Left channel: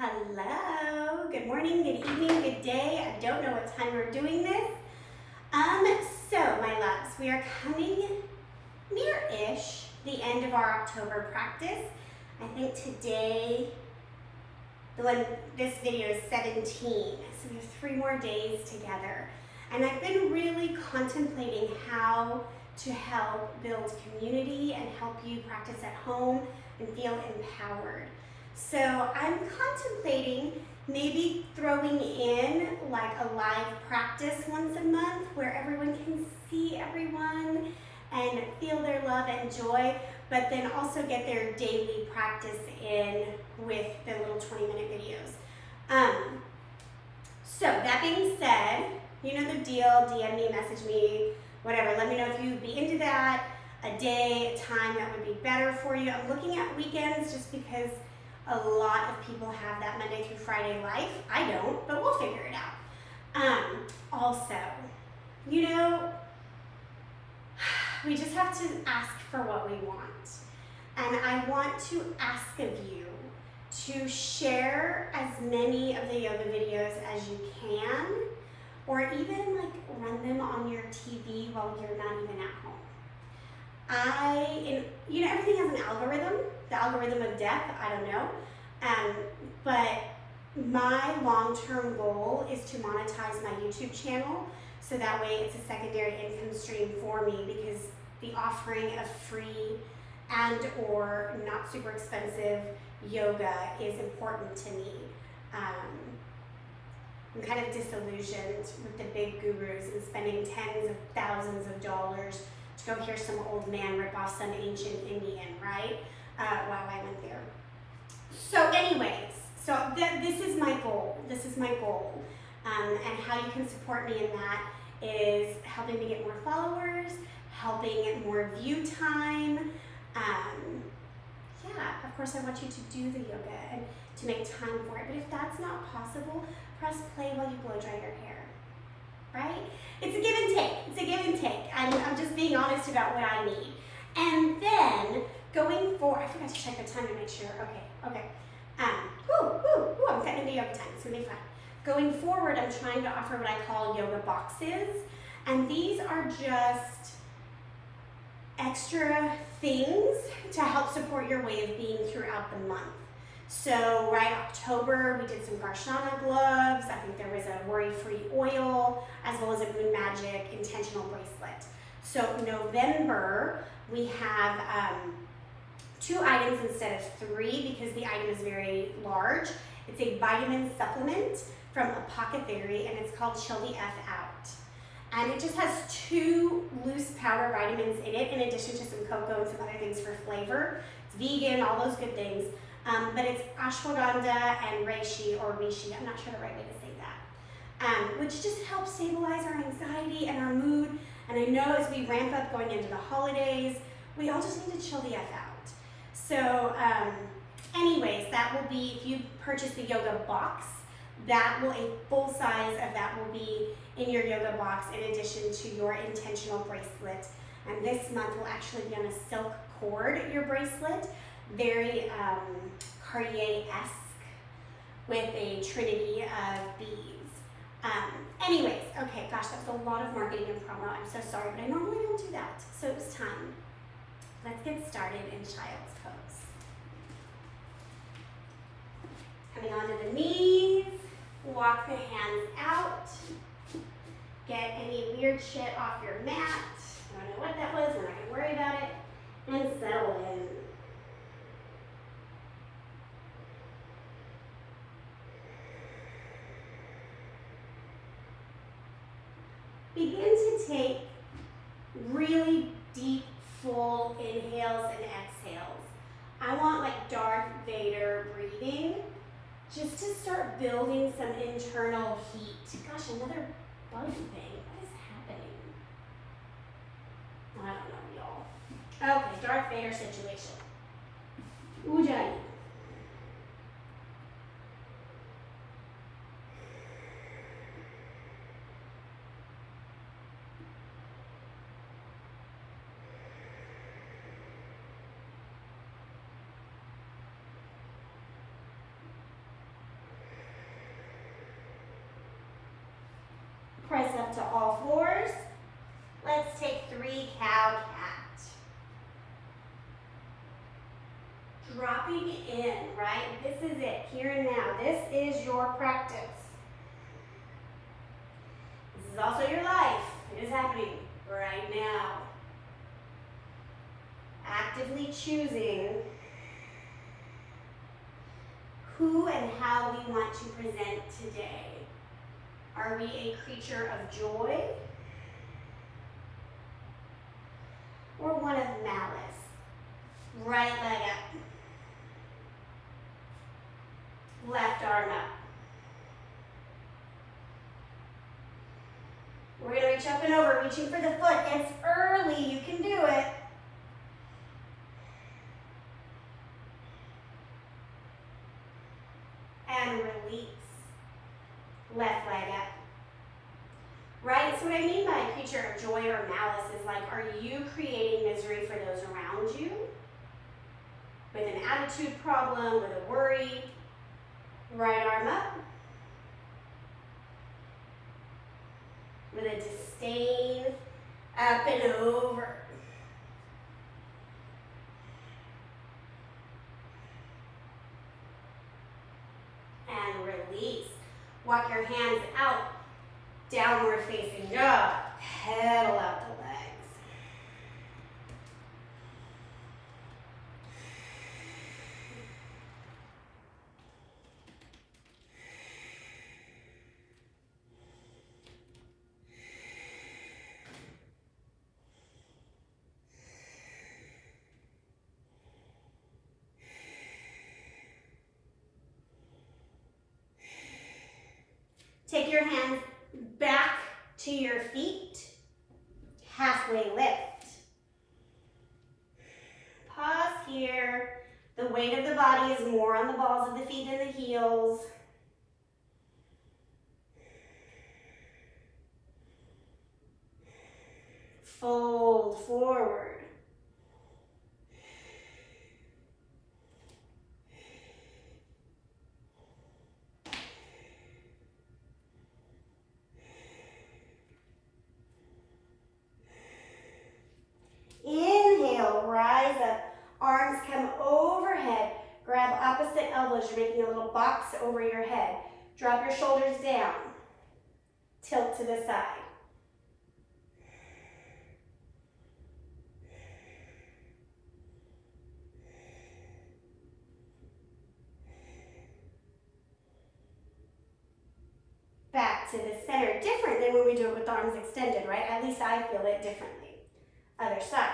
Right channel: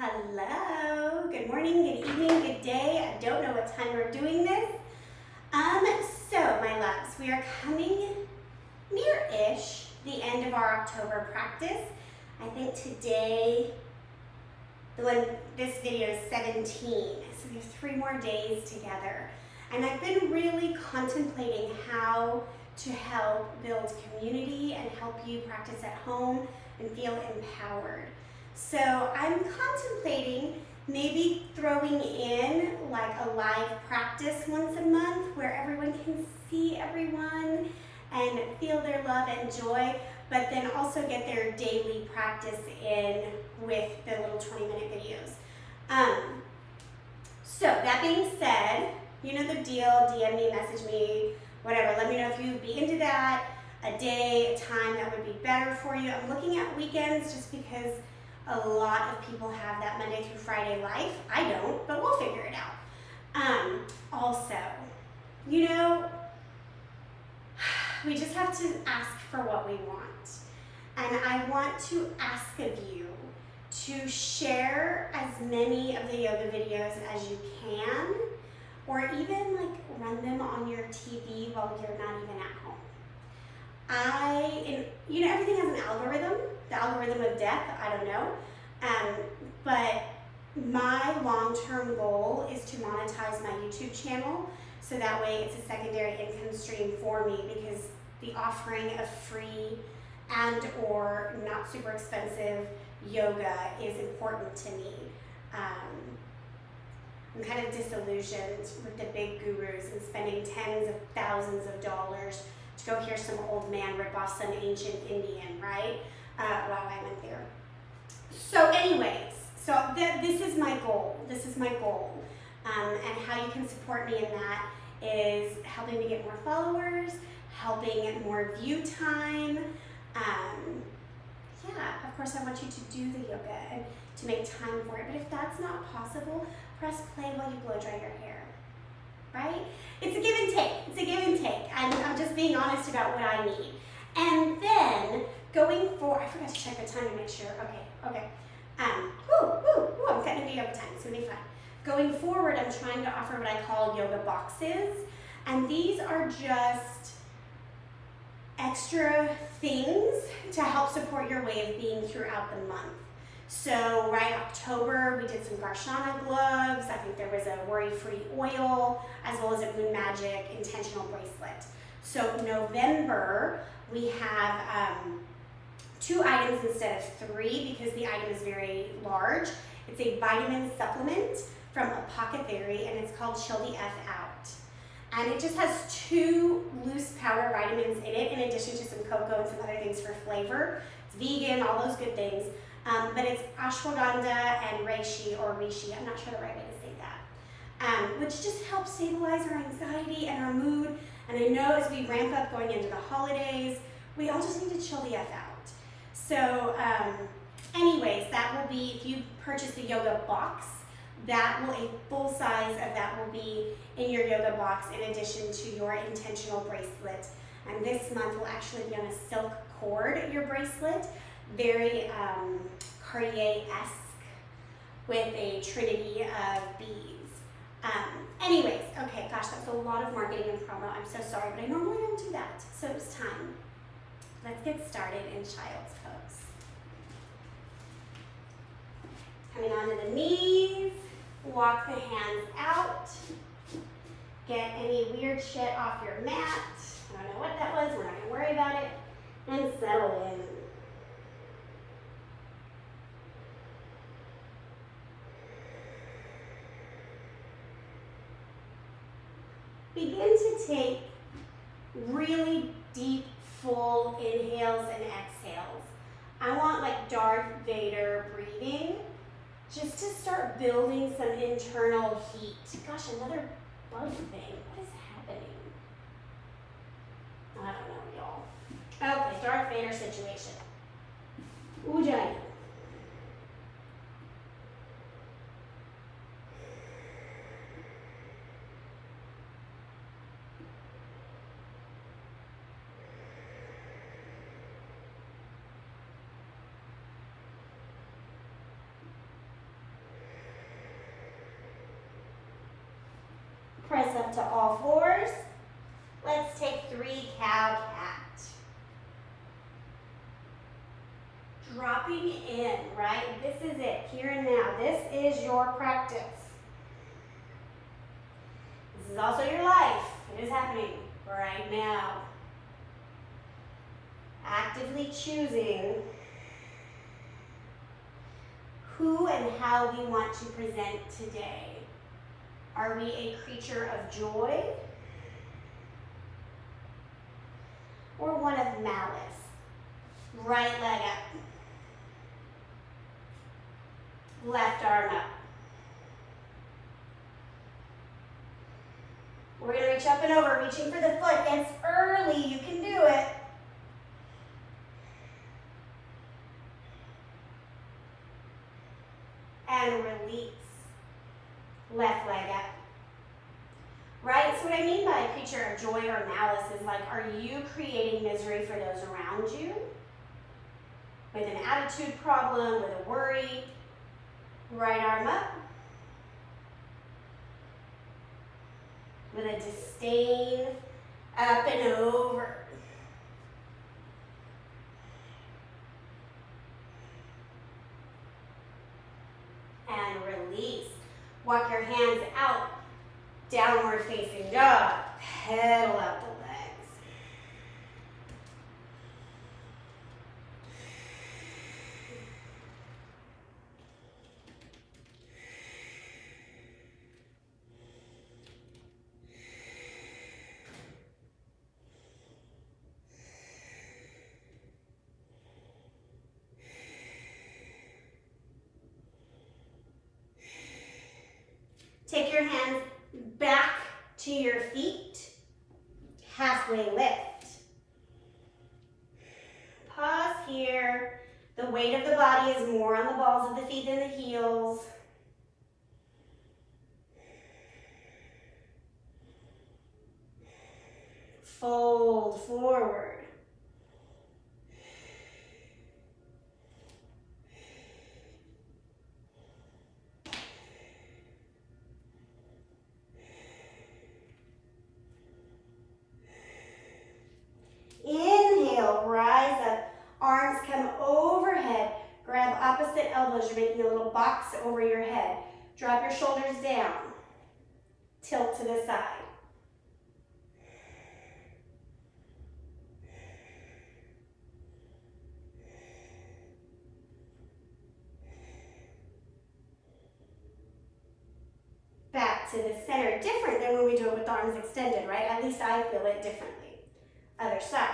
Hello, good morning, good evening, good day. I don't know what time we're doing this. So my loves, we are coming near-ish the end of our October practice. I think today, this video is 17, so we have 3 more days together. And I've been really contemplating how to help build community and help you practice at home and feel empowered. So I'm contemplating maybe throwing in like a live practice once a month where everyone can see everyone and feel their love and joy, but then also get their daily practice in with the little 20-minute videos. So that being said, you know the deal, DM me, message me, whatever. Let me know if you'd be into that, a day, a time that would be better for you. I'm looking at weekends just because a lot of people have that Monday through Friday life. I don't, but we'll figure it out. Also, you know, we just have to ask for what we want. And I want to ask of you to share as many of the yoga videos as you can, or even like run them on your TV while you're not even at home. You know, everything has an algorithm, the algorithm of death, I don't know. But my long-term goal is to monetize my YouTube channel so that way it's a secondary income stream for me, because the offering of free and or not super expensive yoga is important to me. I'm kind of disillusioned with the big gurus and spending tens of thousands of dollars to go hear some old man rip off some ancient Indian, right? Wow, I went there. So anyways, this is my goal. This is my goal. And how you can support me in that is helping me get more followers, helping more view time. Yeah, of course I want you to do the yoga and to make time for it. But if that's not possible, press play while you blow dry your hair, right? It's a give and take. It's a give and take. I'm just being honest about what I need. And then going forward, I forgot to check the time to make sure. Okay. I'm cutting into yoga time. It's gonna be fun. Going forward, I'm trying to offer what I call yoga boxes. And these are just extra things to help support your way of being throughout the month. So October, we did some Garshana gloves. I think there was a worry-free oil, as well as a Moon Magic intentional bracelet. So November, we have 2 items instead of 3 because the item is very large. It's a vitamin supplement from Apothecary, and it's called Chill the F Out. And it just has 2 loose powder vitamins in it, in addition to some cocoa and some other things for flavor. It's vegan, all those good things. But it's ashwagandha and reishi, or rishi, I'm not sure the right way to say that, which just helps stabilize our anxiety and our mood. And I know as we ramp up going into the holidays, we all just need to chill the F out. So anyways, that will be, if you purchase the yoga box, a full size of that will be in your yoga box in addition to your intentional bracelet. And this month will actually be on a silk cord, your bracelet, very Cartier-esque with a trinity of beads. Anyways, okay, gosh, that was a lot of marketing and promo. I'm so sorry, but I normally don't do that. So it was time. Let's get started in child's pose. Coming onto the knees, walk the hands out. Get any weird shit off your mat. I don't know what that was, we're not gonna worry about it. And settle in. Begin to take really deep, full inhales and exhales. I want like Darth Vader breathing, just to start building some internal heat. Gosh, another bug thing. What is happening? I don't know, y'all. Okay, Darth Vader situation. Ujjayi. Press up to all fours. Let's take 3 cow-cat. Dropping in, right? This is it, here and now. This is your practice. This is also your life. It is happening right now. Actively choosing who and how we want to present today. Are we a creature of joy or one of malice? Right leg up. Left arm up. We're going to reach up and over, reaching for the foot. It's early. You can do it. And release. Left leg up. Right? So what I mean by a creature of joy or malice is like, are you creating misery for those around you? With an attitude problem, with a worry? Right arm up. With a disdain, up and over. And release. Walk your hands out, downward facing dog. Pedal out the legs. Take your hands back to your feet, halfway lift. Pause here. The weight of the body is more on the balls of the feet than the heels. Fold forward. Inhale, rise up. Arms come overhead. Grab opposite elbows. You're making a little box over your head. Drop your shoulders down. Tilt to the side. Back to the center. Different than when we do it with the arms extended, right? At least I feel it differently. Other side.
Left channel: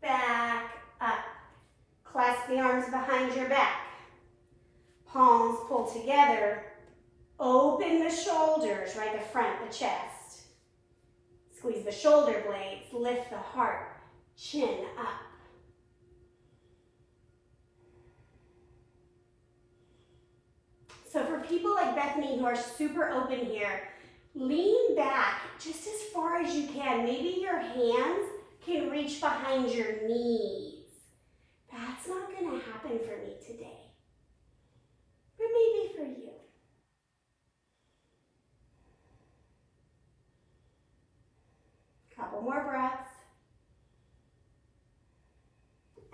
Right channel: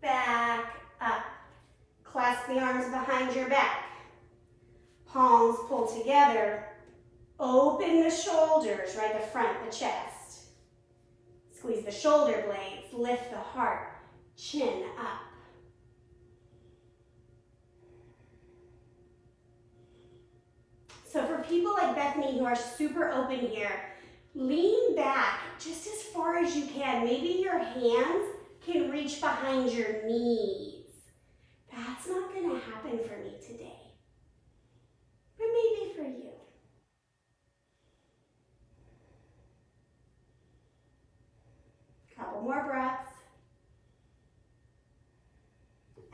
Back up. Clasp the arms behind your back. Palms pull together. Open the shoulders, right? The front, the chest. Squeeze the shoulder blades. Lift the heart. Chin up. So for people like Bethany who are super open here, lean back just as far as you can. Maybe your hands can reach behind your knees. That's not going to happen for me today, but maybe for you. Couple more breaths.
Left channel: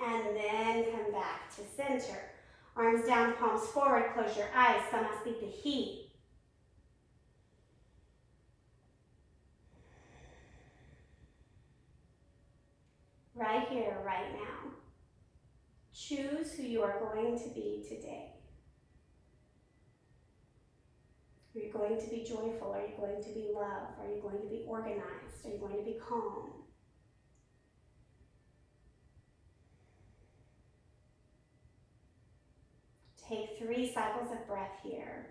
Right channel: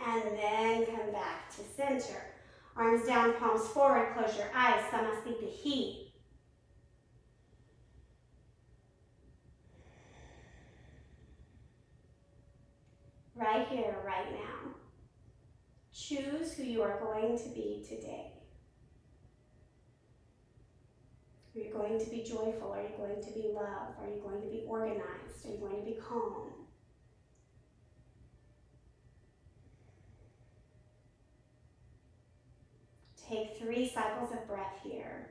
And then come back to center. Arms down, palms forward, close your eyes. Samasthiti. Right here, right now. Choose who you are going to be today. Are you going to be joyful? Are you going to be love? Are you going to be organized? Are you going to be calm? Take 3 cycles of breath here.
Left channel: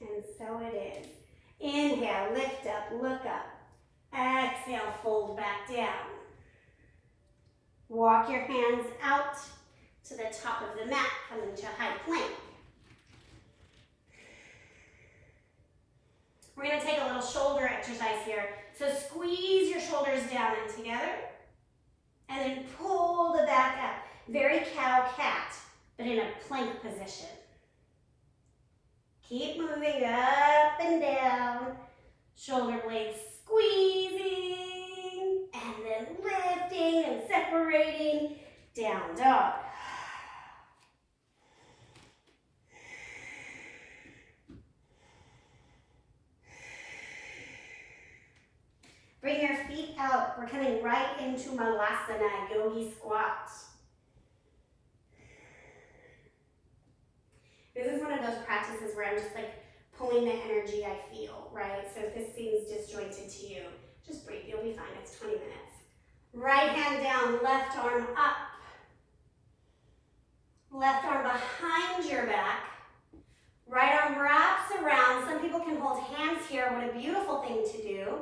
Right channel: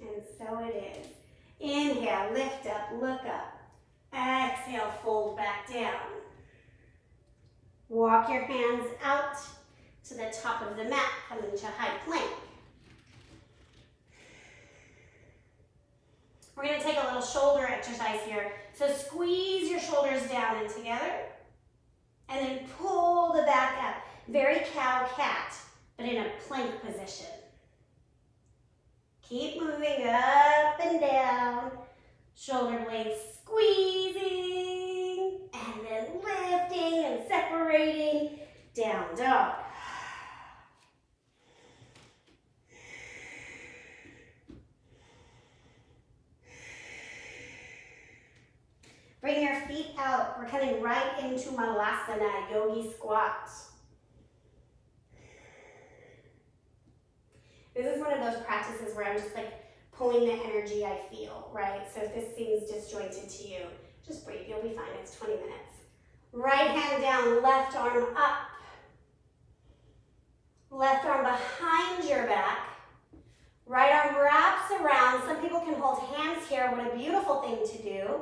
And so it is. Inhale, lift up, look up. Exhale, fold back down. Walk your hands out to the top of the mat, coming to high plank. We're going to take a little shoulder exercise here. So squeeze your shoulders down and together, and then pull the back up. Very cow-cat, but in a plank position. Keep moving up and down. Shoulder blades squeezing, and then lifting and separating. Down dog. Bring your feet out. We're coming right into Savasana, Yogi Squats. This is one of those practices where I'm just like pulling the energy I feel, right? So if this seems disjointed to you, just breathe. You'll be fine. It's 20 minutes. Right hand down, left arm up. Left arm behind your back. Right arm wraps around. Some people can hold hands here. What a beautiful thing to do.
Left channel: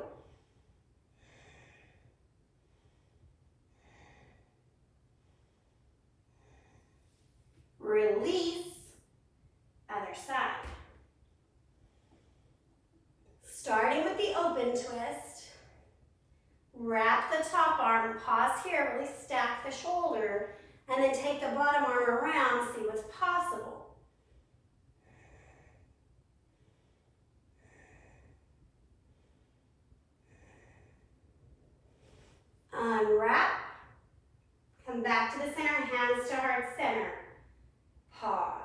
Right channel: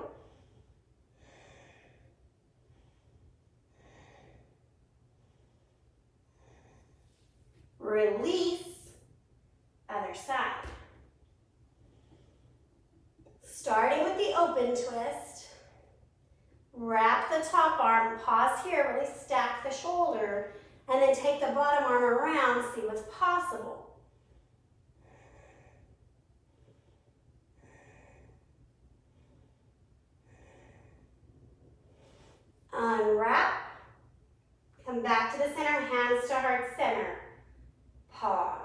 Release, other side. Starting with the open twist, wrap the top arm, pause here, really stack the shoulder, and then take the bottom arm around to see what's possible. Unwrap, come back to the center, hands to heart center. Pause.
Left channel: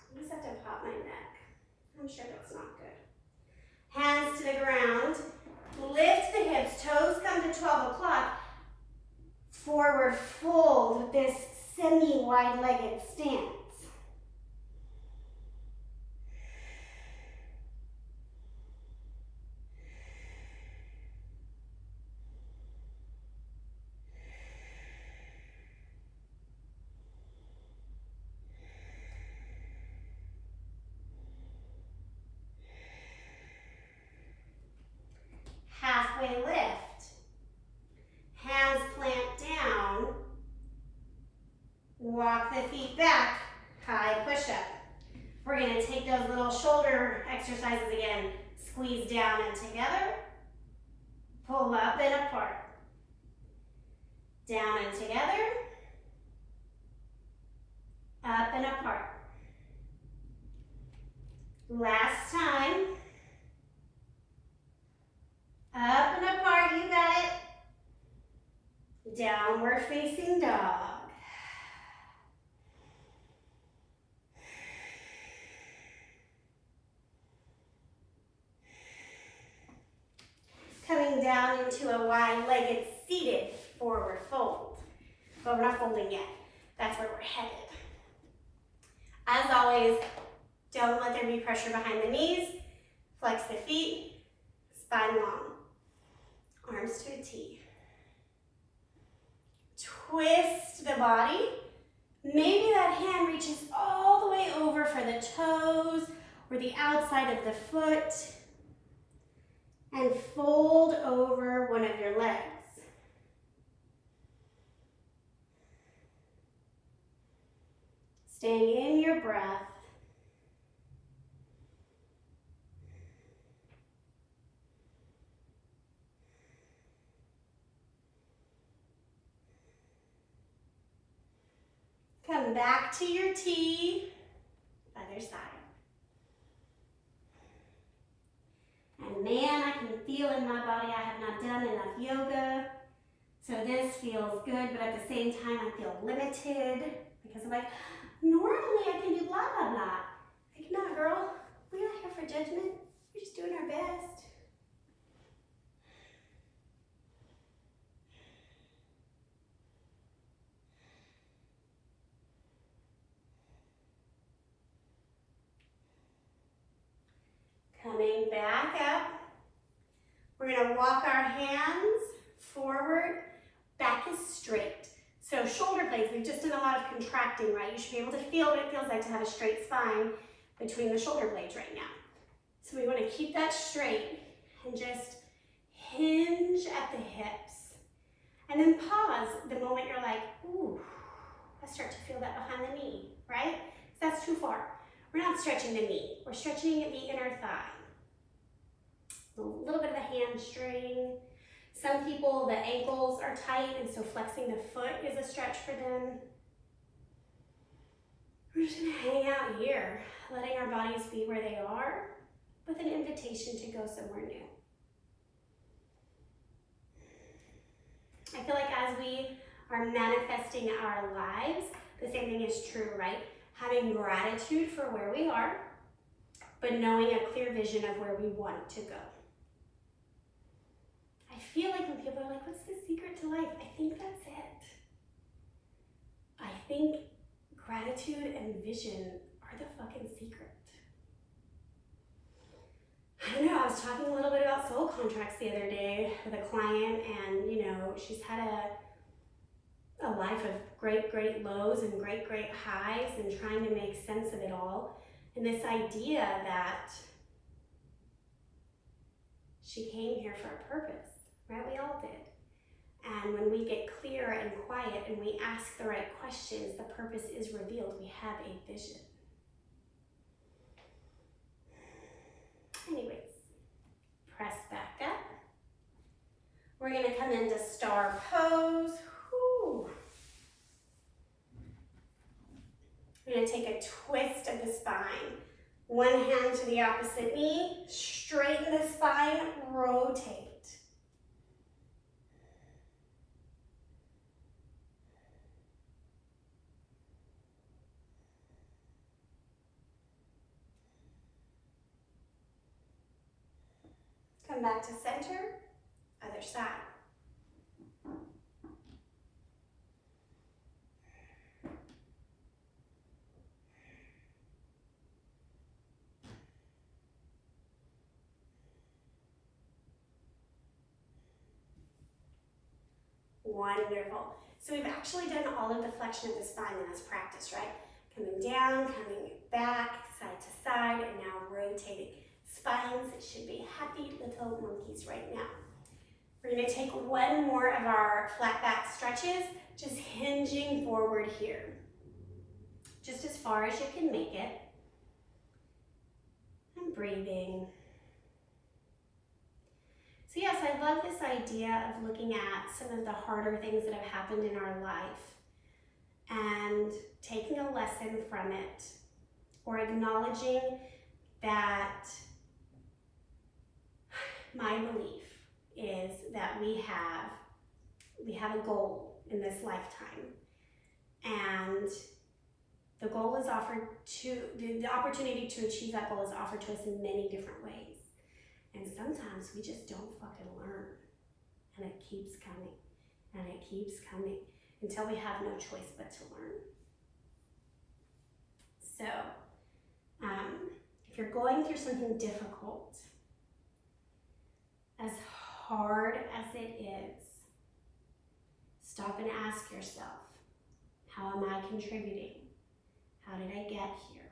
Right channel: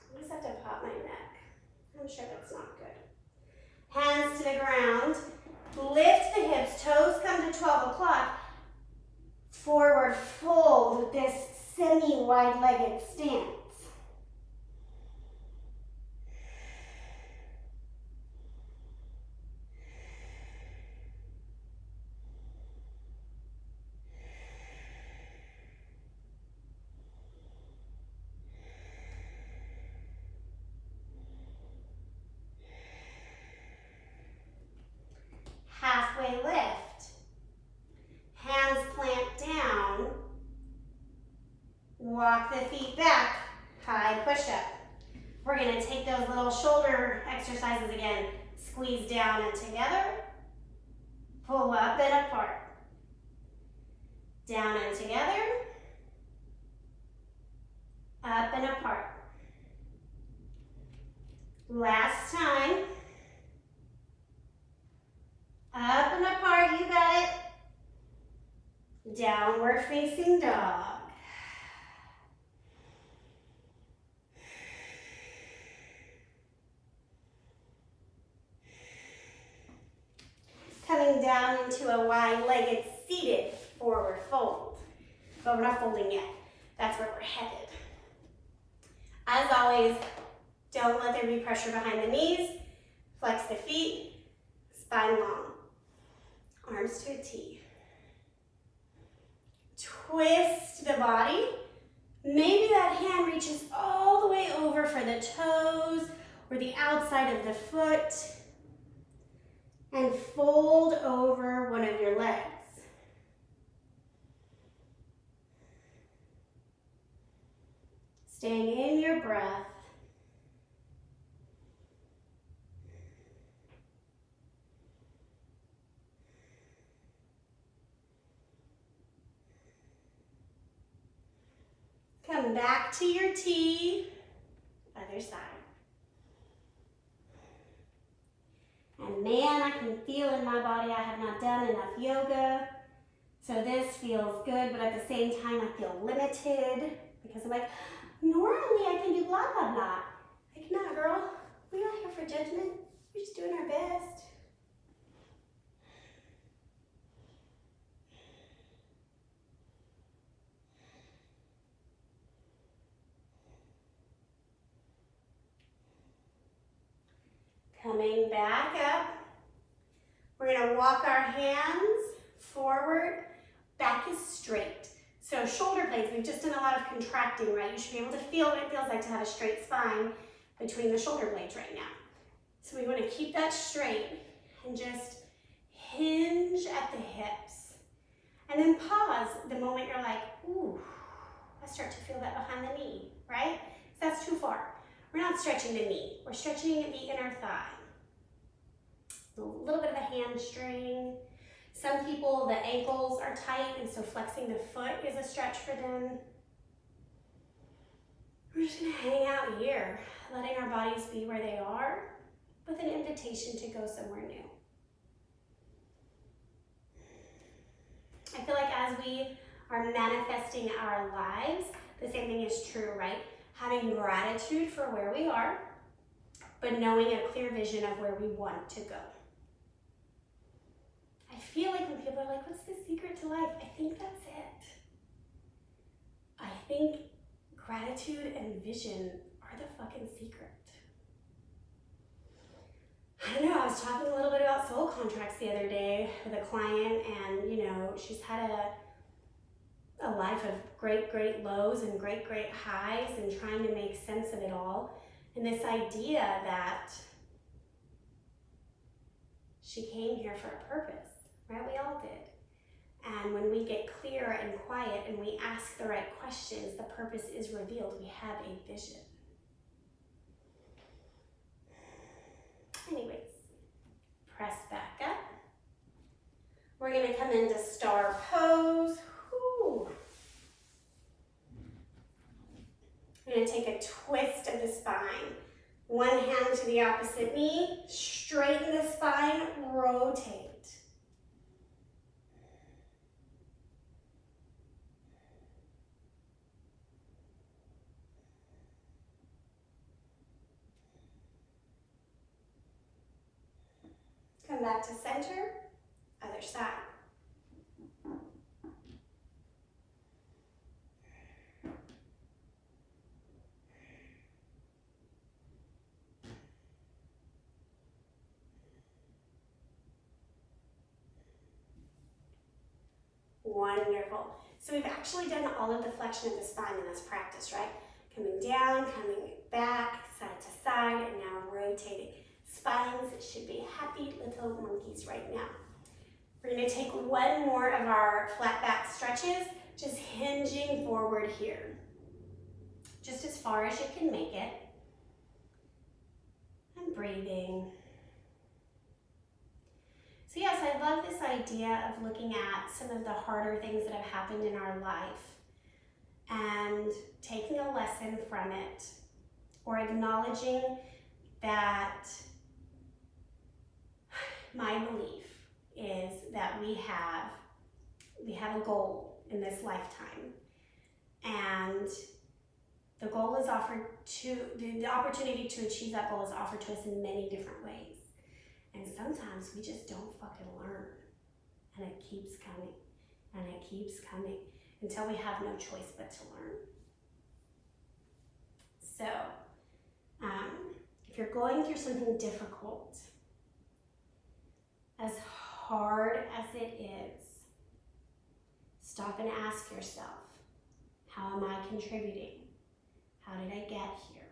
I just have to pop my neck. I'm sure that's not good. Hands to the ground. Lift the hips. Toes come to 12 o'clock. Forward fold with this semi-wide-legged stance. Halfway lift. Hands plant down. Walk the feet back. High push-up. We're going to take those little shoulder exercises again. Squeeze down and together. Pull up and apart. Down and together. Up and apart. Last time. Up and apart, you got it. Downward facing dog. Coming down into a wide-legged seated forward fold. But we're not folding yet. That's where we're headed. As always, don't let there be pressure behind the knees. Flex the feet, spine long. Arms to a T. Twist the body. Maybe that hand reaches all the way over for the toes or the outside of the foot. And fold over one of your legs. Staying in your breath. Come back to your T, other side. And man, I can feel in my body I have not done enough yoga. So this feels good, but at the same time I feel limited because I'm like, normally I can do blah, blah, blah. Like, nah, girl, we're not here for judgment. We're just doing our best. Coming back up, we're going to walk our hands forward, back is straight. So shoulder blades, we've just done a lot of contracting, right? You should be able to feel what it feels like to have a straight spine between the shoulder blades right now. So we want to keep that straight and just hinge at the hips. And then pause the moment you're like, ooh, I start to feel that behind the knee, right? So that's too far. We're not stretching the knee. We're stretching the inner thigh. A little bit of a hamstring. Some people, the ankles are tight, and so flexing the foot is a stretch for them. We're just gonna hang out here, letting our bodies be where they are, with an invitation to go somewhere new. I feel like as we are manifesting our lives, the same thing is true, right? Having gratitude for where we are, but knowing a clear vision of where we want to go. I feel like when people are like, what's the secret to life? I think that's it. I think gratitude and vision are the fucking secret. I don't know, I was talking a little bit about soul contracts the other day with a client, and she's had a life of great lows and great highs, and trying to make sense of it all. And this idea that she came here for a purpose, right? We all did. And when we get clear and quiet and we ask the right questions, the purpose is revealed. We have a vision. Anyways, press back up. We're gonna come into star pose. Whew. We're gonna take a twist of the spine. One hand to the opposite knee, straighten the spine, rotate. Come back to center, other side. Wonderful. So we've actually done all of the flexion of the spine in this practice, right? Coming down, coming back, side to side, and now rotating. Spines should be happy little monkeys right now. We're going to take one more of our flat back stretches, just hinging forward here. Just as far as you can make it. And breathing. So yes, I love this idea of looking at some of the harder things that have happened in our life and taking a lesson from it, or acknowledging that my belief is that we have a goal in this lifetime, and the goal is offered to, the opportunity to achieve that goal is offered to us in many different ways. And sometimes we just don't fucking learn. And it keeps coming. And it keeps coming until we have no choice but to learn. So, if you're going through something difficult, as hard as it is, stop and ask yourself, how am I contributing? How did I get here?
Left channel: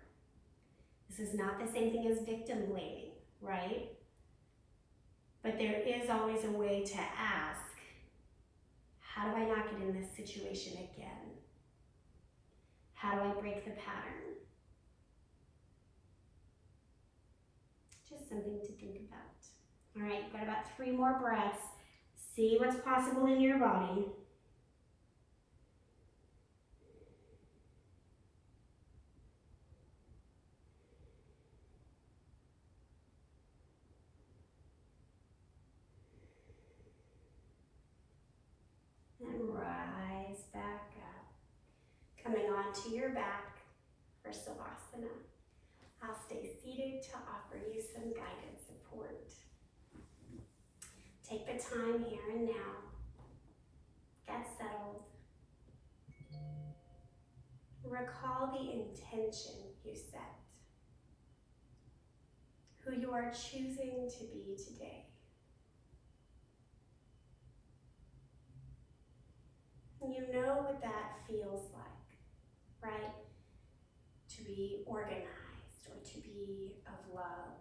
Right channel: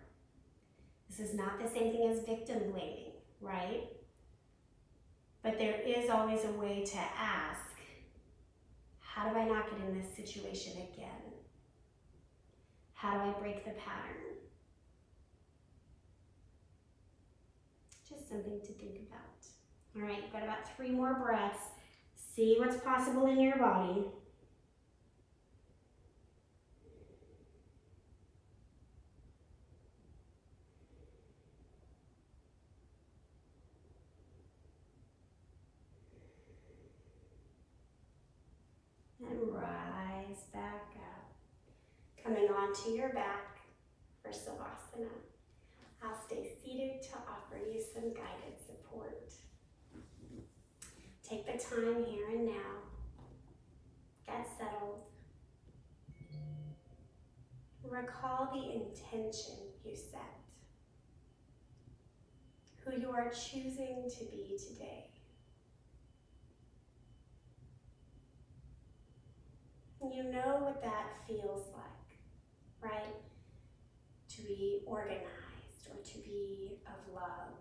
This is not the same thing as victim blaming, right? But there is always a way to ask, how do I not get in this situation again? How do I break the pattern? Just something to think about. All right, you've got about 3 more breaths. See what's possible in your body. And rise back up. Coming onto your back for Savasana. I'll stay seated to offer you some guided support. Take the time here and now. Get settled. Recall the intention you set. Who you are choosing to be today. and you know what that feels like, right? To be organized or to be of love.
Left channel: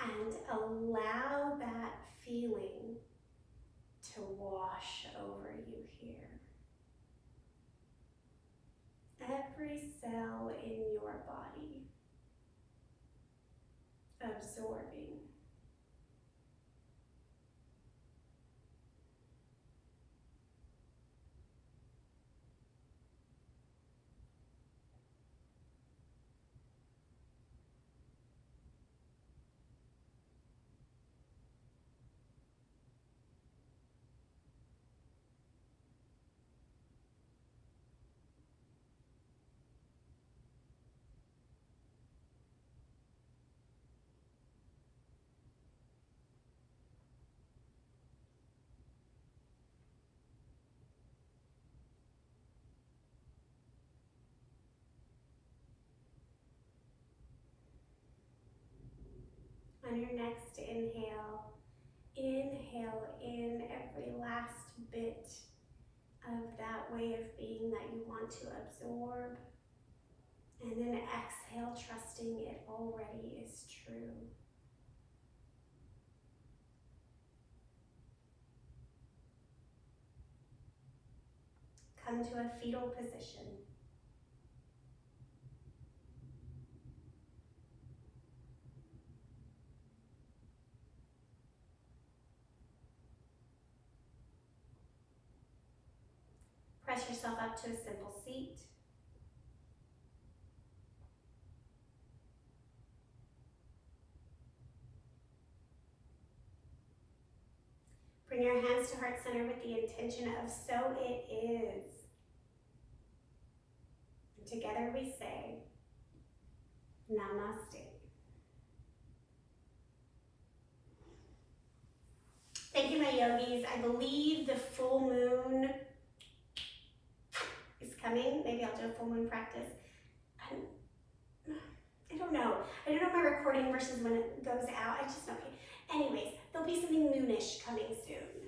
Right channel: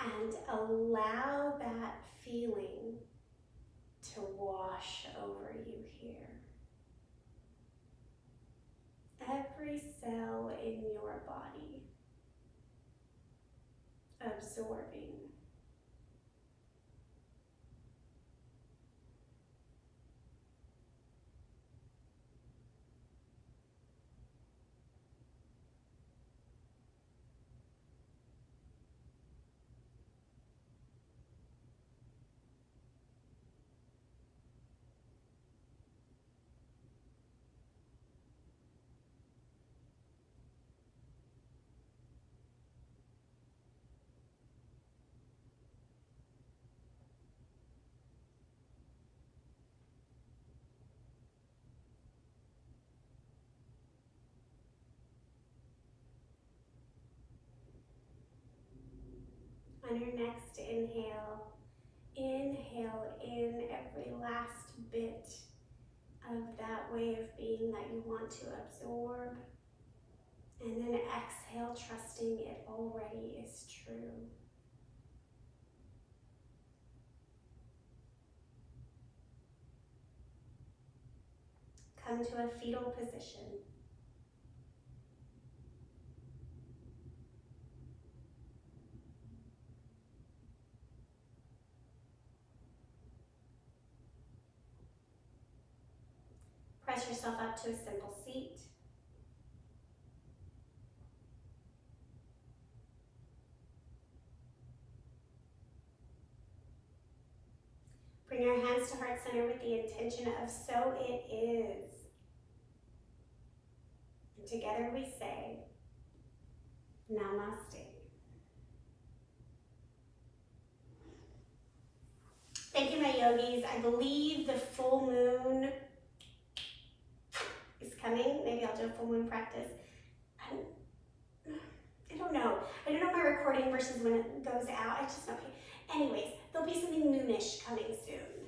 And allow that feeling to wash over you here. Every cell in your body absorbing. On your next inhale, inhale in every last bit of that way of being that you want to absorb. And then exhale, trusting it already is true. Come to a fetal position. Press yourself up to a simple seat. Bring your hands to heart center with the intention of so it is. And together we say, Namaste. Thank you, my yogis. I believe the full moon is coming. Maybe I'll do a full moon practice. I don't know. I don't know my recording versus when it goes out. I just know. Anyways, there'll be something moonish coming soon.